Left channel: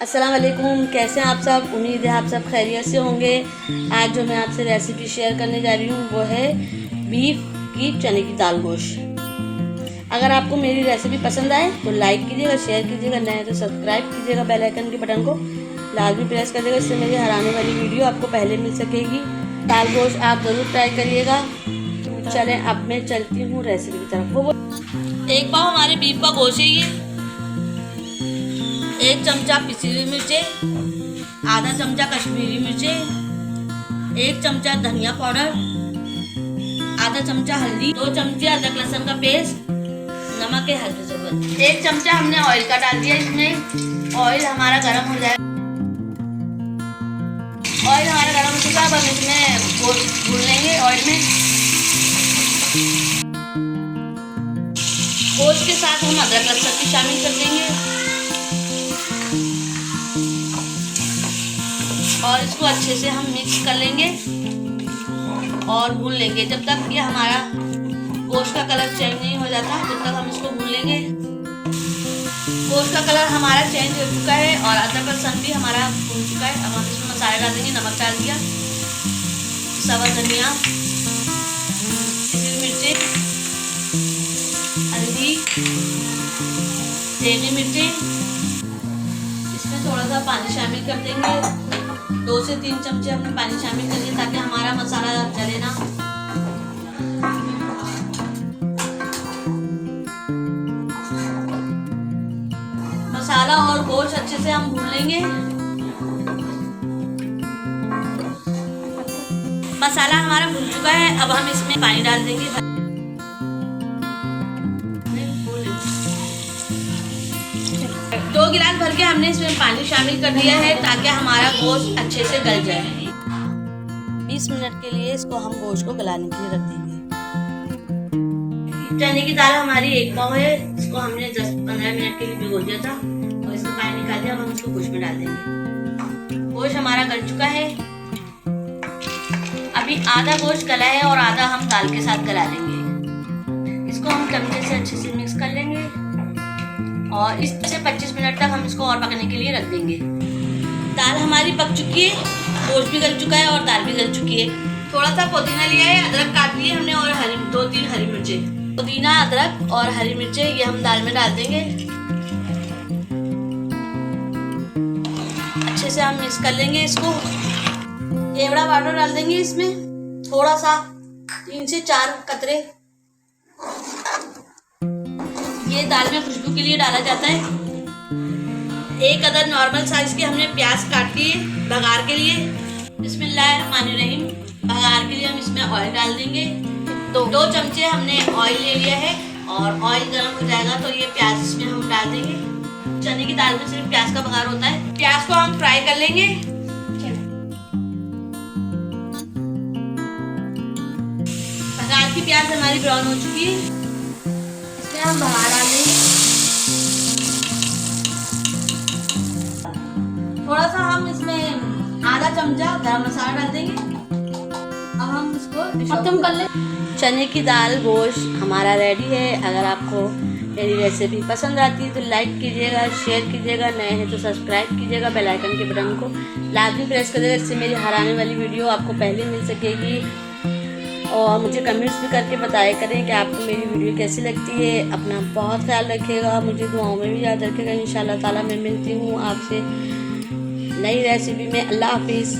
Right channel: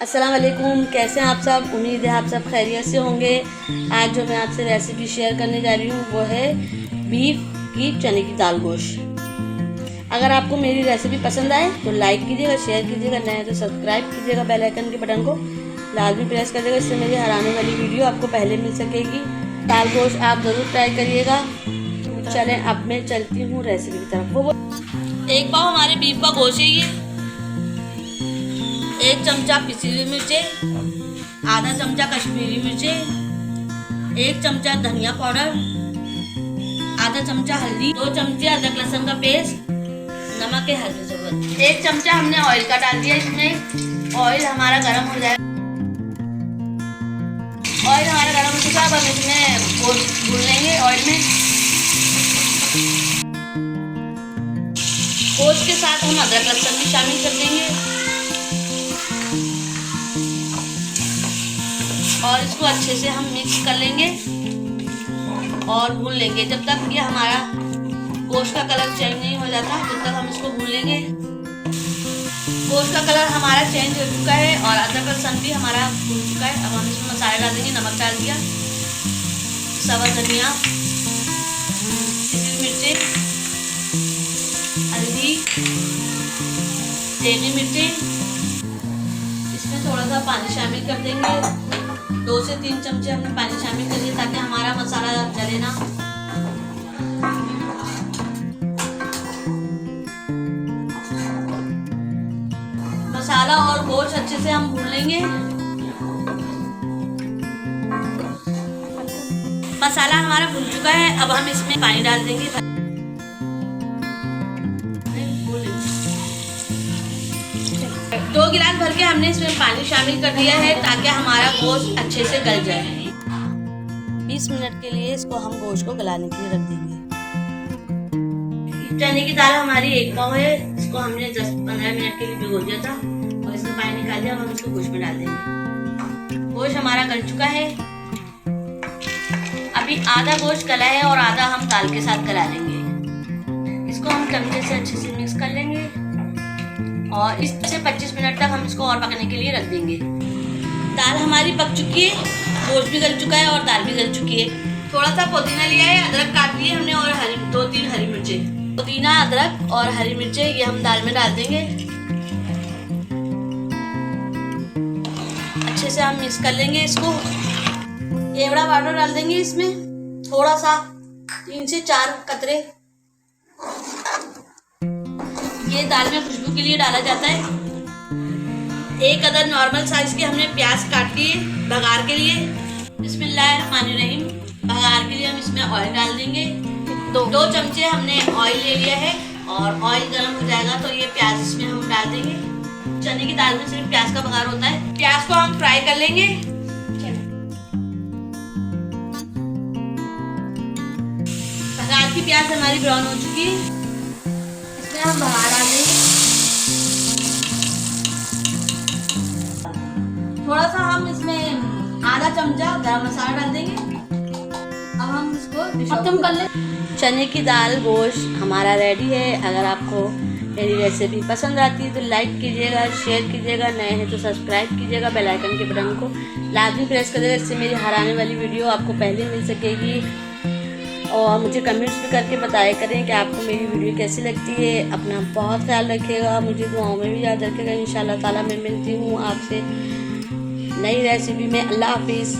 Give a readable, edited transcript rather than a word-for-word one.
अस्सलाम वालेकुम, कैसे हैं आप सब। उम्मीद है आप सब खैरियत से होंगे। आज जो मैं आपसे रेसिपी शेयर करने जा रही हूँ वो है बीफ की चने की दाल गोश्त। अगर आपको मेरी रेसिपी पसंद आए तो लाइक कीजिएगा, शेयर कीजिएगा, नए हैं तो सब्सक्राइब कीजिएगा, बेल आइकन के बटन को लाजमी प्रेस कर देगा, इससे मेरी हर आने वाली वीडियो आपको पहले मिल सकेगी। दाल गोश्त आप ज़रूर ट्राई करिएगा। चलें अब मैं चलती हूँ रेसिपी की तरफ। वो एक पाव हमारे बीफ का गोश्त है ये। 1 चमचा पिसी हुई मिर्चें, आधा चमचा कश्मीरी मिर्चें, 1 चमचा धनिया पाउडर, आधा चमचा हल्दी, 2 चमचे अदरक लहसुन का पेस्ट, नमक है हल्दी ज़रूरत। 1 चमचा हमने ऑयल का डाल दिया इसमें। ऑयल हमारा गर्म हो जाए। ऑयल हमारा गर्म हो चुका है। अब हम इसमें गोश्त भून लेंगे ऑयल में। गोश्त के साथ हम अदरक लहसुन भी शामिल कर देंगे और इसको अच्छे से हम मिक्स कर लेंगे और भून लेंगे जब तक ये हमारा गोश्त का कलर चेंज नहीं हो जाता, तब तक हम इसको भून लेंगे। गोश्त का कलर हमारा चेंज हो चुका है और अदरक लहसुन भी हमारा भून चुका है। अब हम इसमें मसाले डाल देंगे। नमक डाल दिया, सवा धनिया, पिसी मिर्चें, हल्दी, देगी मिर्चें। इसमें थोड़ा सा पानी शामिल कर देंगे। 2 से 3 चमचे हमने पानी शामिल कर दिया ताकि हमारा मसाला जले ना। मसाला और गोश्त अच्छे से हम भून लेंगे। मसाला हमारा भून चुका है। अब हम इसमें पानी डाल देंगे। 2 गिलास भर के हमने इसमें पानी शामिल कर दिया है ताकि हमारा गोश्त अच्छे से गल जाए। 20 मिनट के लिए इसको हम गोश्त को गलाने के लिए रख देंगे। चने की दाल हमारी 1 पाव है। इसको हमने 10-15 मिनट के लिए भिगो दिया था और इसका पानी निकाल दिया। अब हम इसको गोश्त में डाल देंगे। गोश्त हमारा गल चुका है। अभी आधा गोश्त गला है और आधा हम दाल के साथ गला लेंगे। इसको हम चमचे से अच्छे से मिक्स कर लेंगे और इस तरह से 25 मिनट तक हम इसको और पकने के लिए रख देंगे। दाल हमारी पक चुकी है, गोश्त भी गल चुका है और दाल भी गल चुकी है। थोड़ा सा पुदीना लिया है, अदरक काट लिए हमने और 2-3 हरी मिर्चें। पुदीना, अदरक और हरी मिर्चें ये हम दाल में डाल देंगे। अच्छे से हम मिक्स कर लेंगे इसको। केवड़ा पाउडर डाल देंगे इसमें थोड़ा सा, 3 से 4 कतरे। ये दाल में खुशबू के लिए डाला जाता है। 1 अदद नॉर्मल साइज के हमने प्याज काट लिए भगार के लिए। बिस्मिल्लाहिर्रहमानिर्रहीम। भगार के लिए हम इसमें ऑयल डाल देंगे। 2 चमचे हमने ऑयल ले लिया है और ऑयल गर्म हो जाएगा तो ये प्याज इसमें हम डाल देंगे। चने की दाल में सिर्फ प्याज का भगार होता है। प्याज को हम फ्राई कर लेंगे। भगार की प्याज हमारी ब्राउन हो चुकी है। इसमें हम भगार डाल देंगे। थोड़ा सा हम इसमें आधा चमचा गरम मसाला डाल देंगे। अब हम इसको खत्म कर लें। चने की दाल गोश्त हमारा रेडी है। अगर आपको मेरी रेसिपी पसंद आती है तो लाइक कीजिएगा, शेयर कीजिएगा, नए हैं तो सब्सक्राइब कीजिएगा, बेल आइकन के बटन को लाजमी प्रेस कर देगा, इससे मेरी हर आने वाली वीडियो आपको पहले मिल सकेगी। और मुझे कमेंट्स भी करके बताया करें कि आपको मेरी वीडियो कैसी लगती है। अपना बहुत ख्याल रखिएगा, मुझे दुआओं में भी याद रखिएगा। इंशाल्लाह ताला मैं मिलती हूँ आपसे नई रेसिपी में। अल्लाह हाफिज़।